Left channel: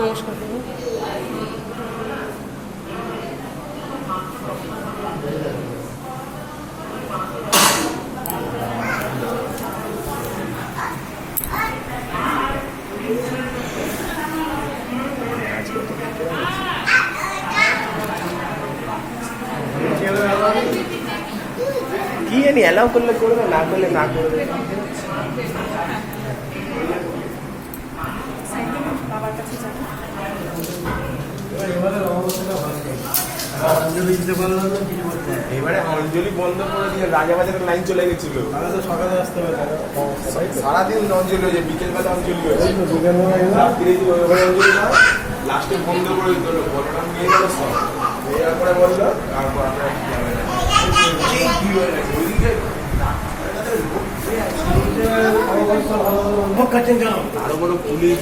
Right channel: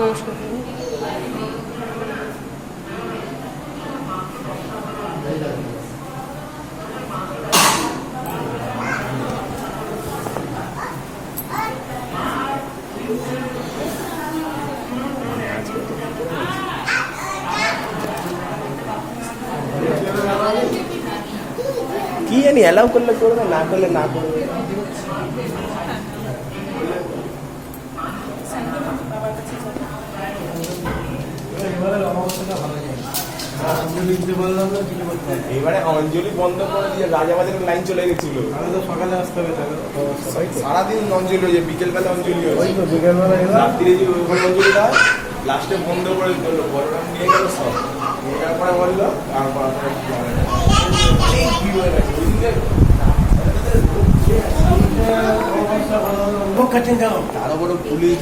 নমস্কার। কি জানি অ্যালাউ করলে করবে, না করলে না করবে। এবারে অঞ্জলি বন্ধ করে দিয়ে রাজাবাজারের লাইন চলে গেছিল। সকালে আসতে হবে, সারাদিন অঞ্জলি হয়েছে, বিকেলবেলা অঞ্জলি হয়েছে, রাত্রিরে যে অঞ্জলিটা লাস্টে বন্ধ করে দিল। বড়রাম নিয়ে গেল, সব নিয়ে যাওয়ার পরে বললো তারপর আরো বড় পুলিশ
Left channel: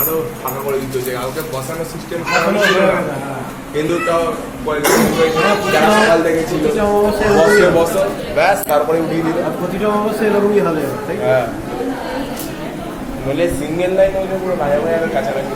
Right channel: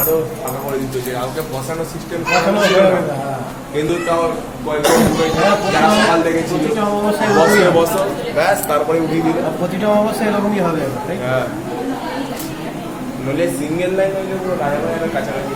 আরো ফাঁকা করে দিতে হচ্ছে, কাউকে বসানোর সিস্টেম কিন্তু তো বসো ব্যাস, তারপরে উঠিয়ে দিল। প্রতিটা অবশ্যই এরকমই হবে। হ্যাঁ, নইলে সিঙ্গেল লাইন হইলে পুরো রাজাবাজারের কাছাকাছি।